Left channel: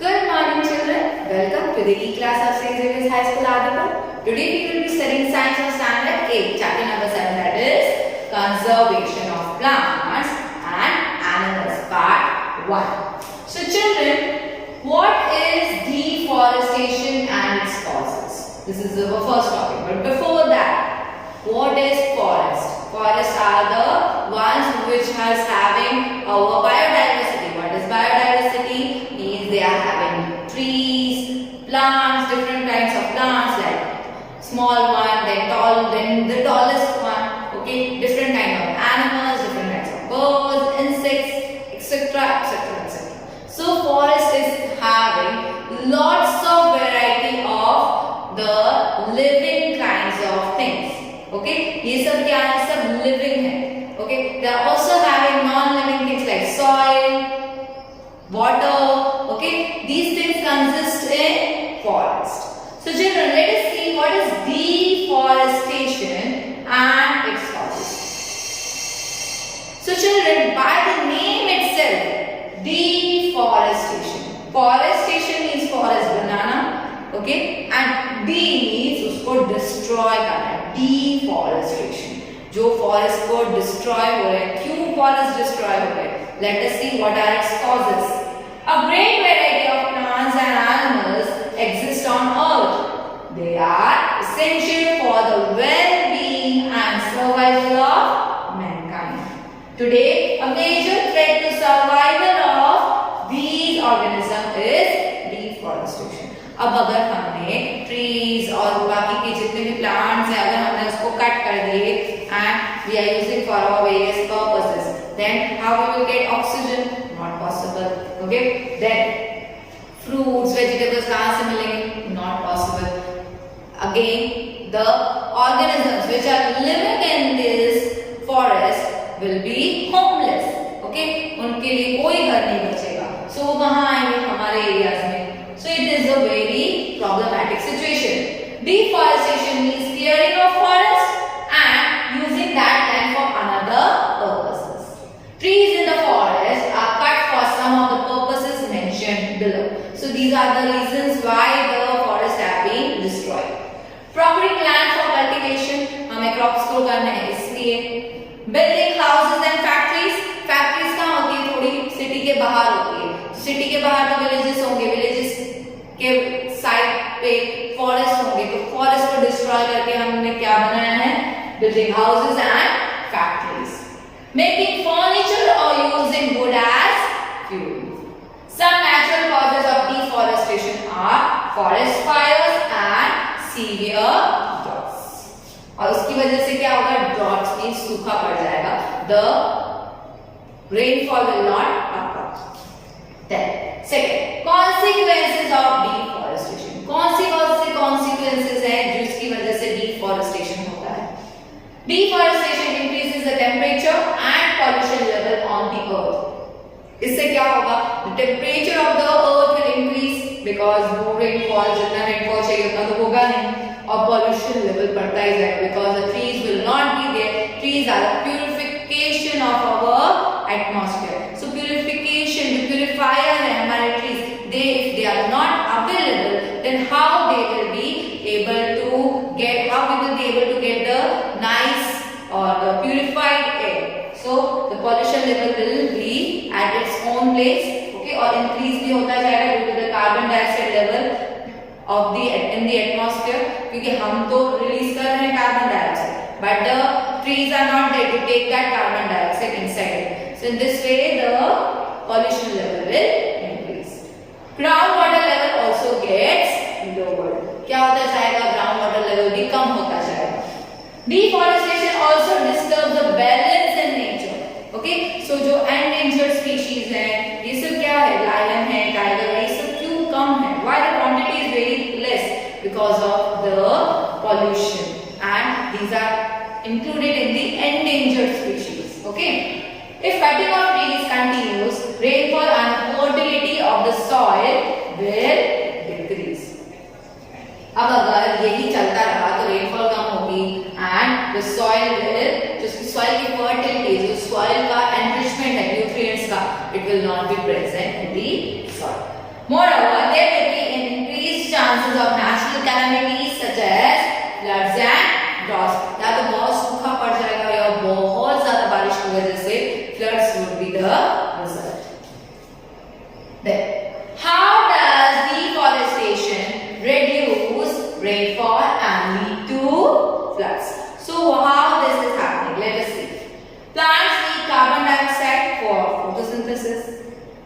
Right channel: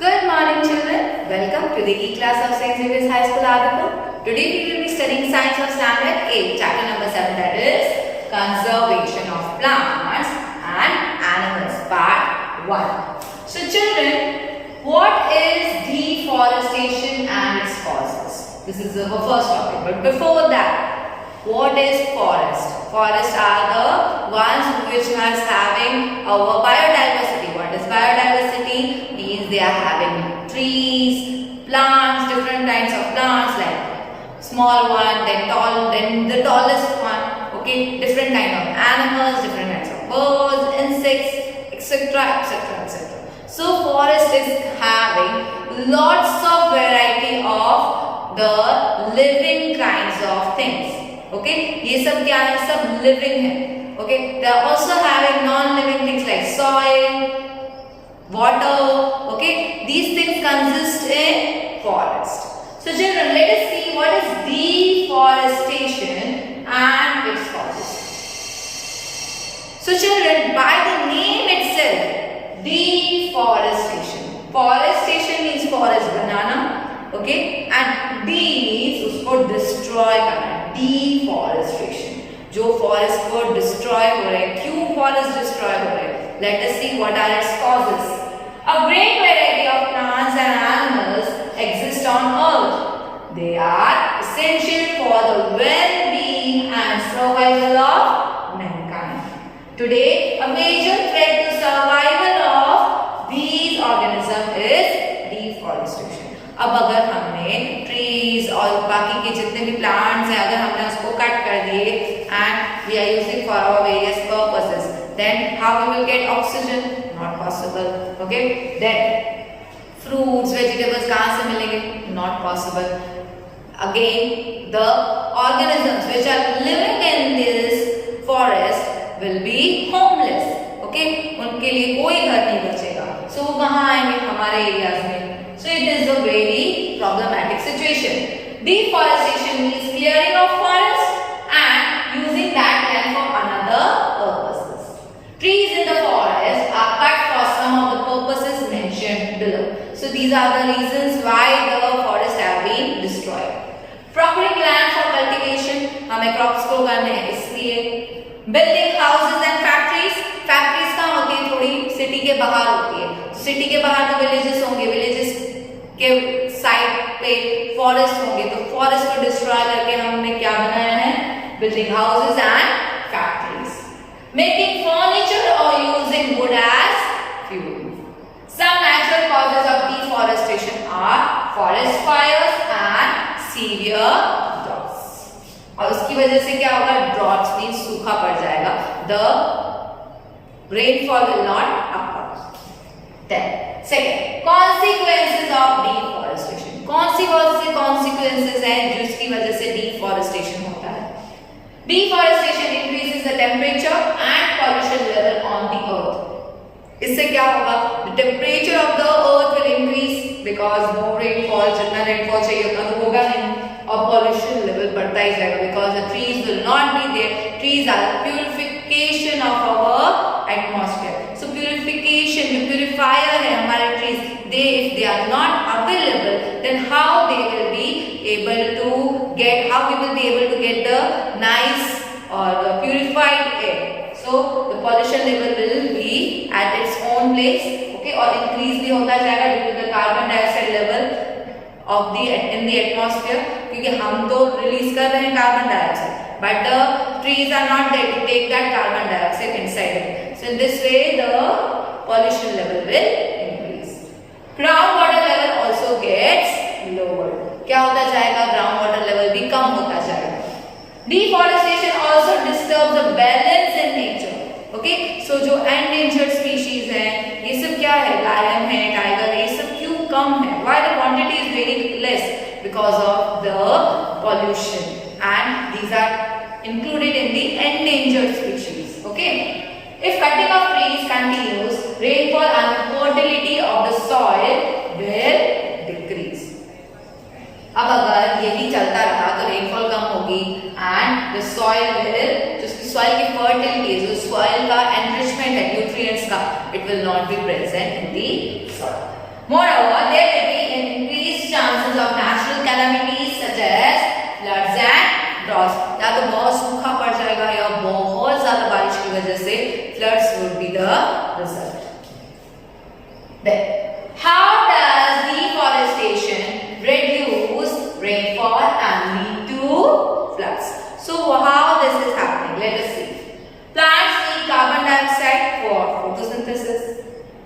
Good morning, children. Welcome to the E-class of St. Xavier's High School, Adipur. Today we will be studying Science of Standard 8, Chapter number 7, that is Conservation of Plants and Animals, Part 1. So, children, what is deforestation and its causes? This is our first topic. But before that, what is forest? Forests are the ones which are having our biodiversity. What is biodiversity? Means they are having trees, plants, different kinds of plants like small one, then tall, then the tallest one. Okay, different kind of animals, different kinds of birds, insects, etc., etc., etc. So forest is having lots of variety of the living kinds of things. Okay, ये सब क्या है? सब living है. Okay, they are also having non-living things like soil, water. Okay, these things consist in forest. So children, let us see what is deforestation and its causes. So children, by the name itself, deforestation. Forestation means forest banana. Okay, and D means उसको destroy करना. Deforestation. जो forest को destroy हो रहे हैं, क्यों forest destroy हो रहे हैं? Let us see what are its causes. A great variety of plants and animals exist on earth. They are essential for the well-being and survival of mankind. Today, a major threat to survival of these organisms is deforestation. अब अगर हमने trees और बाकी के जितने भी plants हैं, अगर हमने उसको कट कर दिए and we are using for our various purposes, then how we will get oxygen? Not possible. Okay, then fruits vegetables कहाँ से मिलेंगे? Not possible. Again the organisms which are living in this forest will be homeless. Okay, उनके लिए कोई घर नहीं बचेगा. सो वो कहाँ आएंगे? हमारे एरियाज में. So it is a very problematic situation. Deforestation means clearing of forest and using that land for another purposes. Trees in the forest are cut for some of the purposes mentioned below. So these are the reasons why the forests have been destroyed. Procuring land for cultivation, हमें crops grow करने हैं इसलिए. Building houses and factories. Factories कहाँ होती है? थोड़ी city के बाहर होती है. सिटी के बाहर तो विलेजेस होंगे, विलेजेस के साइड पे फॉरेस्ट होंगे, तो फॉरेस्ट को डिस्ट्रॉय करके हमने क्या बनाया है? Building houses and factories. Making furniture और using wood as fuel. Some natural causes of deforestation are forest fires and severe droughts. और उसकी वजह से क्या होगा? ड्रॉट्स मींस सूखा पड़ जाएगा. The rainfall will not occur. Then, second, consequences of deforestation. कौन सी consequences हैं जिसकी वजह से deforestation होता है? Deforestation increases the temperature and pollution level on the earth. इससे क्या होगा? The temperature of the earth will increase because no rainfall, जितना rainfall चाहिए उतना तो होगा नहीं, और pollution level बढ़ता ही जाएगा because the trees will not be there. Trees are the purification of our atmosphere. So purification, the purifier है हमारे trees. If they are not available, then how we will be able to get the nice or the purified air. So the pollution level will be at its own place. Okay, और increase भी होता जाएगा due to the carbon dioxide level in the atmosphere. क्योंकि हम तो release कर रहे हैं carbon dioxide, but the trees are not there to take that carbon dioxide inside it. So in this way the pollution level will increase. Groundwater level also gets lowered. क्या होता जाएगा? Groundwater level भी कम होता जाएगा. Deforestation also disturbs the balance in nature. Okay, so जो endangered species हैं, ये सब क्या है? Lion है, tiger है, ये सब क्यों कम है? Why the quantity is very less? Because of the pollution, and these are included in the endangered species. Okay. If cutting of trees continues, rainfall and the fertility of the soil will decrease. अब अगर यही चलता रहा तो rainfall कम होगी and the soil will, जो soil की fertility, जो soil का enrichment है nutrients का, it will not be present in the soil. Moreover, वजह से floods would be the result. Then, how does deforestation reduce rainfall and lead to floods? So, how this is happening? Let us see. Plants need carbon dioxide for photosynthesis.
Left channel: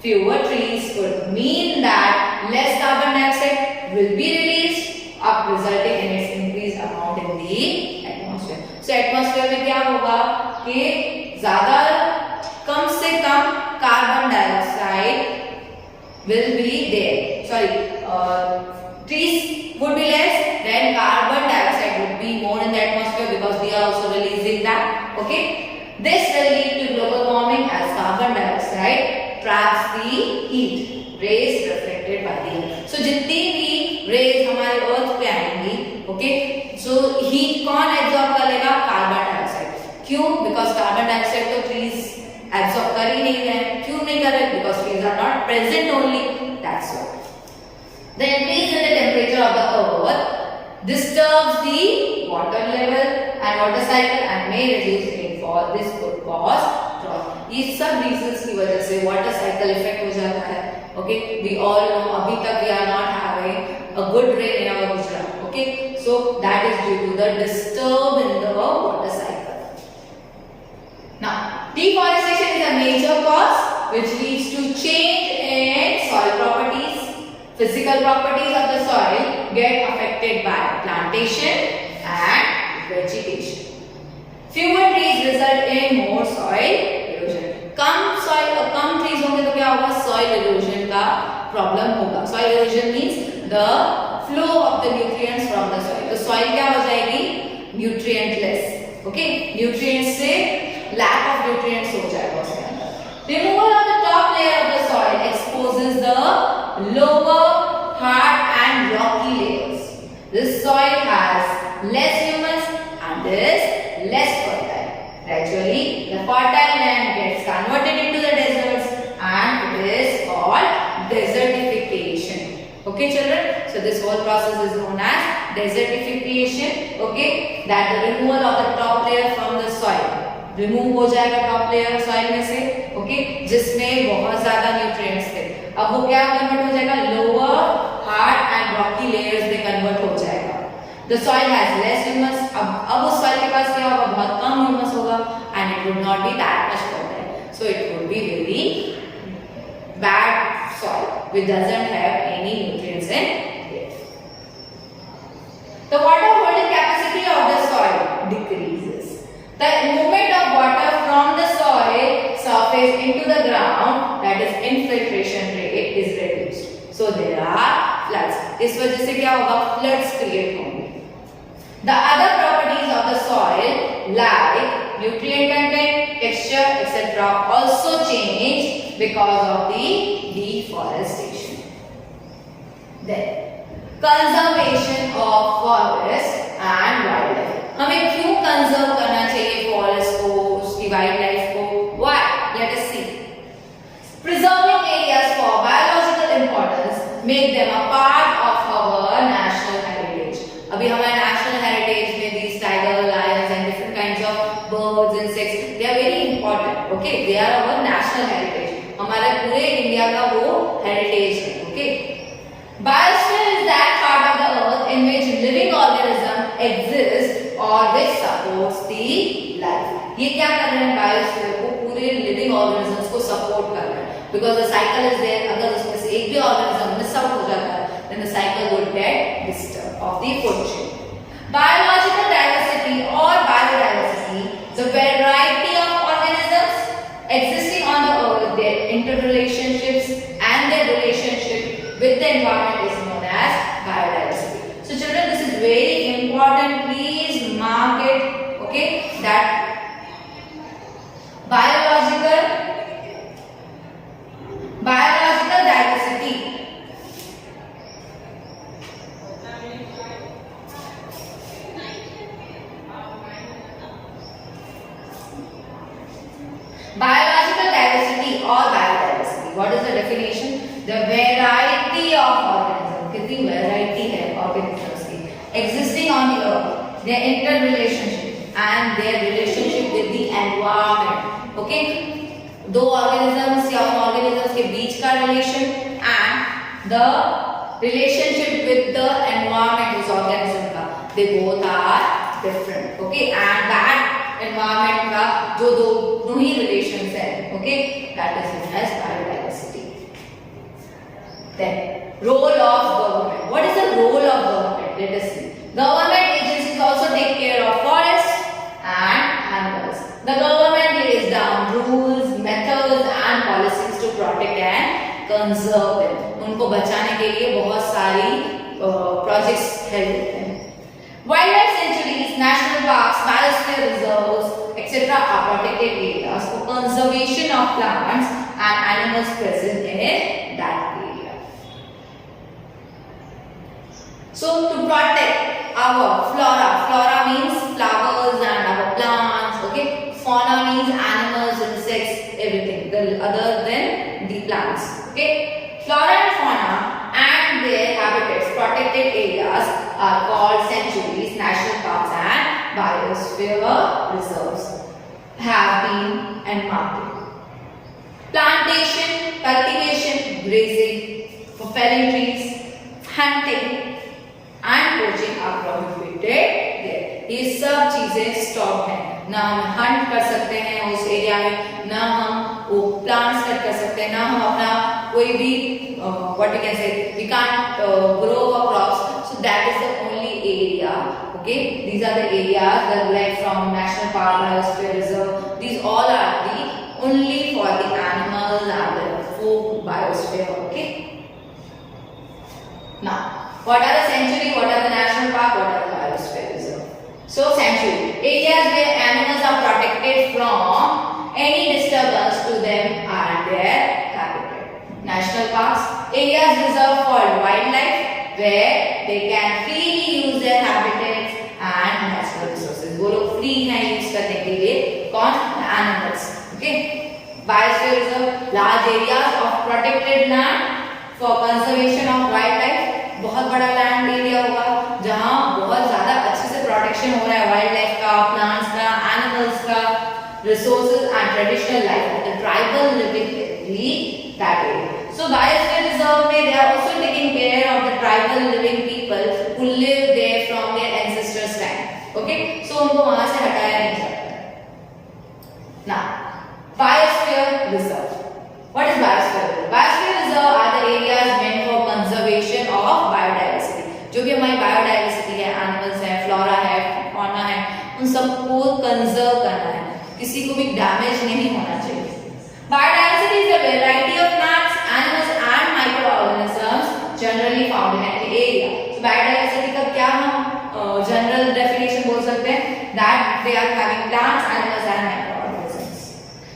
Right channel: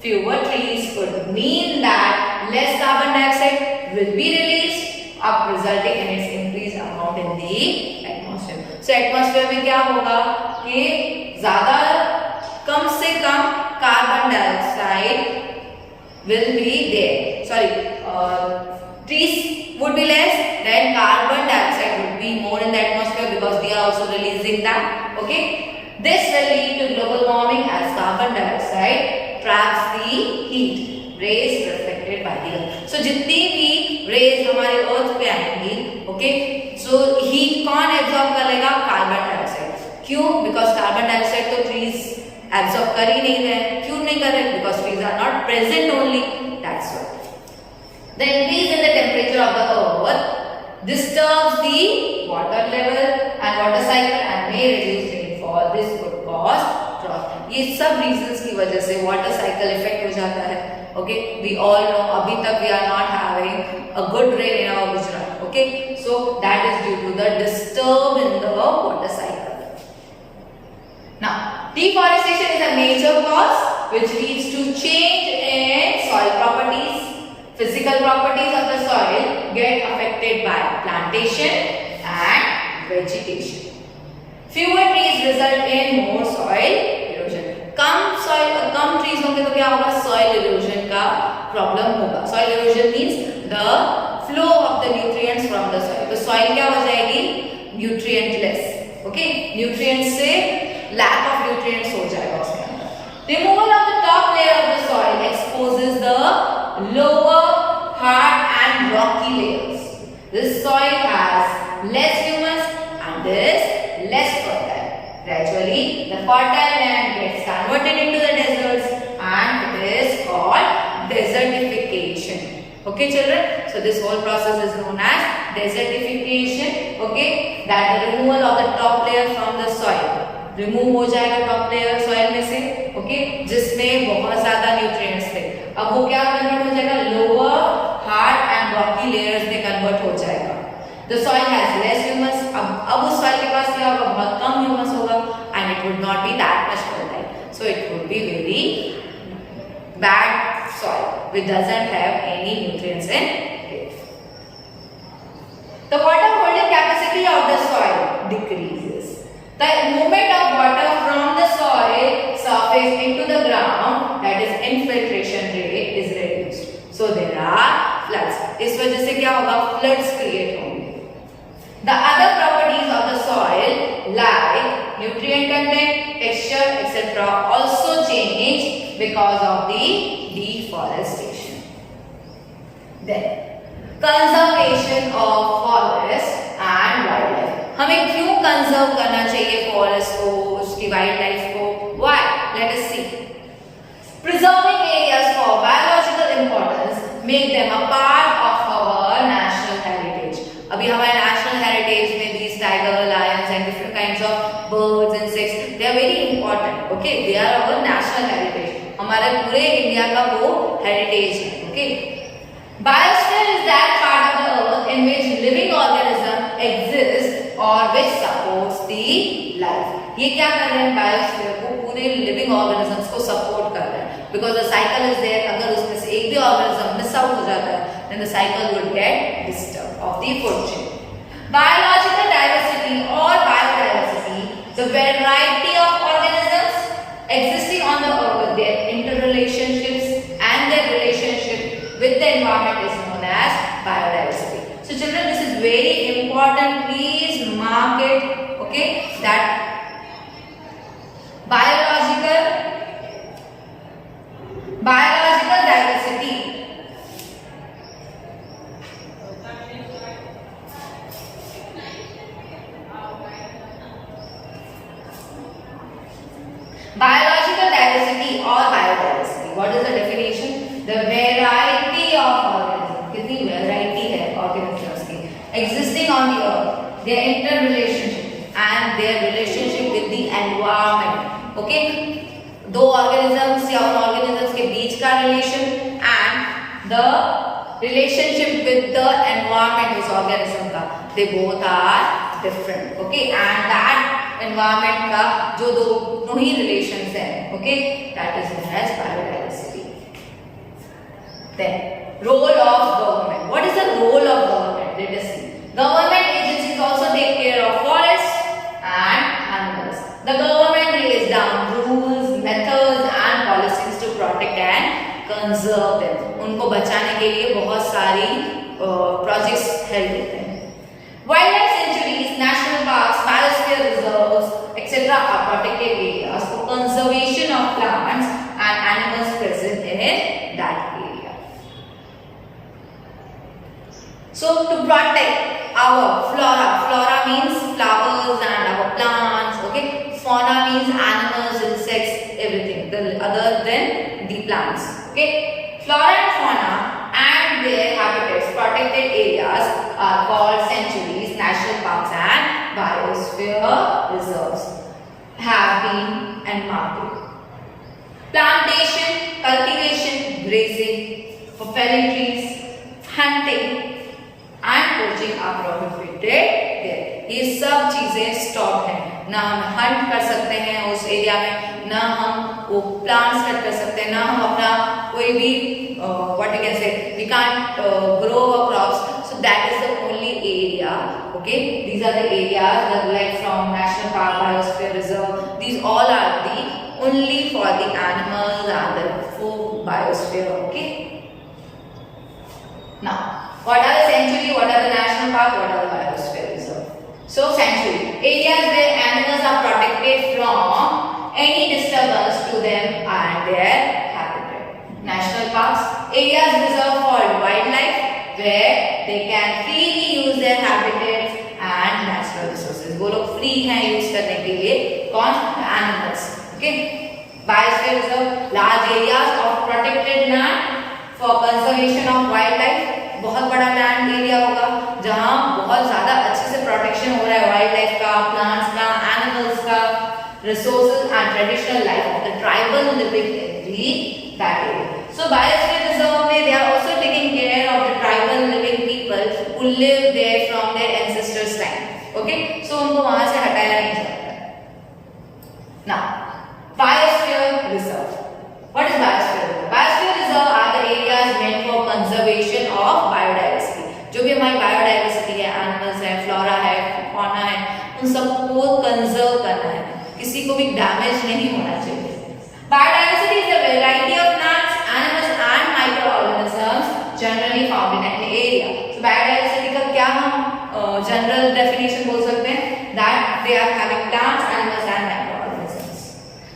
Fewer trees could mean that less carbon dioxide will be released, up resulting in its increased amount in the atmosphere. So, atmosphere में क्या होगा कि ज़्यादा कम से कम carbon dioxide will be there. Sorry, trees would be less, then carbon dioxide would be more in the atmosphere because we are also releasing that. Okay, this will lead to global warming as carbon dioxide traps the heat rays reflected by the earth. So जितनी भी rays हमारे earth पे आएंगी, okay, so heat कौन absorb कर लेगा? Carbon dioxide. क्यों? Because carbon dioxide तो trees absorb कर ही नहीं रहे. क्यों नहीं कर रहे? Because trees are not present only. That's why. The increase in the temperature of the earth disturbs the water level and water cycle and may reduce rainfall. This could cause drought. ये सब reasons की वजह से water cycle effect हो जाता है. Okay, we all know अभी तक we are not having a good rain in our Gujarat. Okay, so that is due to the disturb in the water cycle. Now, deforestation is a major cause which leads to change in soil properties. Physical properties of the soil get affected by plantation and vegetation. Fewer trees result in more soil erosion. Come trees होंगे तो क्या होगा? Soil erosion का problem होगा. Soil erosion means the flow of the nutrients from the soil. तो soil क्या हो जाएगी? Nutrientless. Okay, nutrients से lack of nutrients हो जाएगा उसके अंदर. Removal of the top layer of the soil exposes the lower, hard and rocky layers. This soil has less humus and is less fertile. Gradually, the fertile land gets converted into the deserts and it is called desertification. Okay, children? So this whole process is known as desertification. Okay, that the removal of the top layer from the soil. Remove हो जाएगा top layer soil में से, okay, जिसमें बहुत ज्यादा nutrients थे. अब वो क्या कन्वर्ट हो जाएगा? Lower, hard and Rocky layers में कन्वर्ट हो जाएगा. The soil has less humus. अब उस सॉइल के पास क्या होगा? बहुत कम ह्यूमस होगा and it would not be that much fertile. So it would be very bad soil which doesn't have any nutrients in it. The water holding capacity of the soil decreases. The movement of water from the soil surface into the ground, that is infiltration rate, is reduced. So there are floods. इस वजह से क्या होगा? Floods create होंगे. The other properties of the soil like nutrient content, texture, etc. also change because of the deforestation. Then conservation of forest and wildlife. हमें क्यों conserve करना चाहिए फॉरेस्ट को, उसकी वाइल्ड लाइफ को? Why? Let us see. Preserving areas for biological importance make them a part of our national heritage. अभी हमारे national heritage में these tiger, lions and different kinds of birds, insects, they are very important. Okay, they are our national heritage. हमारे पूरे India का वो heritage है. Okay. Biosphere is that part of the earth in which living organism exists or which supports the life. ये क्या कर रहे हैं? बायोस्फीयर को, पूरे लिविंग ऑर्गेनिजम्स को सपोर्ट कर रहे हैं. Because the cycle is there. अगर उसमें से एक भी ऑर्गेनिज्म मिस आउट हो जाता है then the cycle would get disturb of the food chain. Biological diversity और biodiversity, the variety of organisms existing on the earth, their interrelationships and their relationship with the environment is known as biodiversity. So children, this is very important. Please mark it. Okay, that biological diversity. Biological diversity or biodiversity. What is the definition? The variety of organisms. कितनी variety है organisms की existing on the earth, their interrelationship and their relationship with the environment. Okay, दो organisms या उन organisms के बीच का relation and the relationship with the environment उस ऑर्गेनिज्म का, they both are different, okay, and that environment का जो दोनों ही रिलेशंस है, okay, that is known as biodiversity. Then role of government, what is the role of government? Let us see. Government agencies also take care of forest and animals. The government lays down rules, methods and policies to protect and conserve them. उनको बचाने के लिए बहुत सारी projects help देते हैं। Wildlife sanctuaries, national parks, biosphere reserves, etc. are protected areas for conservation of plants and animals present in that area. So to protect our flora means flowers and our plants, okay, fauna means animals, insects, everything other than the plants, okay. Flora and fauna and their habitats, protected areas are called sanctuaries, national parks and biosphere reserves have been enmarked. Plantation, cultivation, grazing, for felling trees, hunting and poaching are prohibited there. ये सब चीजें stop हैं, ना हम Hunt कर सकते हैं उस एरिया में, ना हम वो प्लांट्स कट कर सकते हैं, ना हम अपना कोई भी what you can say we can't grow a crops, so that is the only area, okay, these are the areas that like from national park, biosphere reserve, these all are the only for the animals and the food biosphere, okay. Now what are the sanctuary, what are the national park, what are the biosphere reserve? So sanctuary, areas where animals are protected from any disturbance to them and their habitat. National parks, areas reserved for wildlife where they can freely use their habitats and natural resources. वो लोग free हैं use करने के लिए, कौन? Animals, okay. Biosphere reserve, large areas of protected land for conservation of wildlife, बहुत बड़ा land area होगा जहां बहुत ज्यादा अच्छे से प्रोटेक्शन हो रहा है वाइल्ड लाइफ का, प्लांट्स का, एनिमल्स का, resources and traditional life of the tribal living in that area. So biosphere reserve में they are also taking care of the tribal living people who live there from their ancestors time, okay, so उनको वहां से हटाया नहीं जाता। Now biosphere reserve, what is biosphere reserve? Biosphere reserve are the areas meant for conservation of biodiversity. जो भी हमारी biodiversity है, एनिमल्स है, फ्लोरा है, फौना है, उन सबको कंजर्व करना है, किसी को भी डैमेज नहीं होना चाहिए। Biodiversity is a variety of plants, animals and micro organisms generally found in an area. So biodiversity का क्या हम जनरल डेफिनेशन बोल सकते हैं? That they are having plants, animals and micro organisms.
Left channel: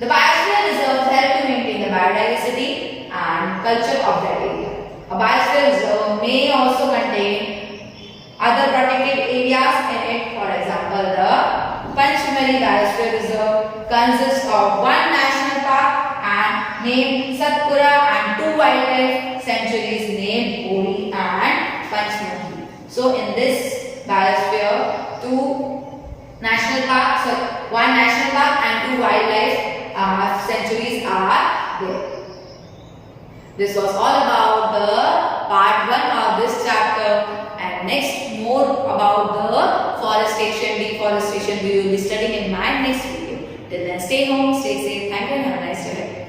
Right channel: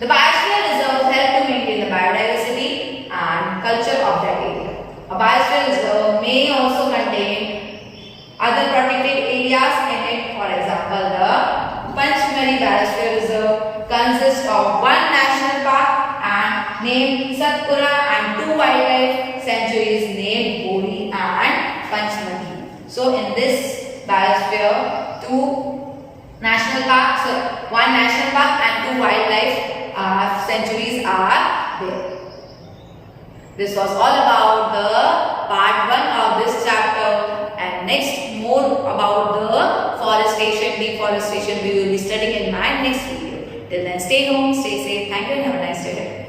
The biosphere reserve help to maintain the biodiversity and culture of that area. A biosphere reserve may also contain other protected areas in it. For example, the Panchmari Biosphere Reserve consists of one national park and named Satpura and two wildlife sanctuaries named Bori and Panchmari. So in this biosphere, one national park and two wildlife sanctuaries are there. This was all about the part 1 of this chapter, and next more about the forestation, deforestation we will be studying in my next video. Till then, stay home, stay safe. Thank you and have a nice day.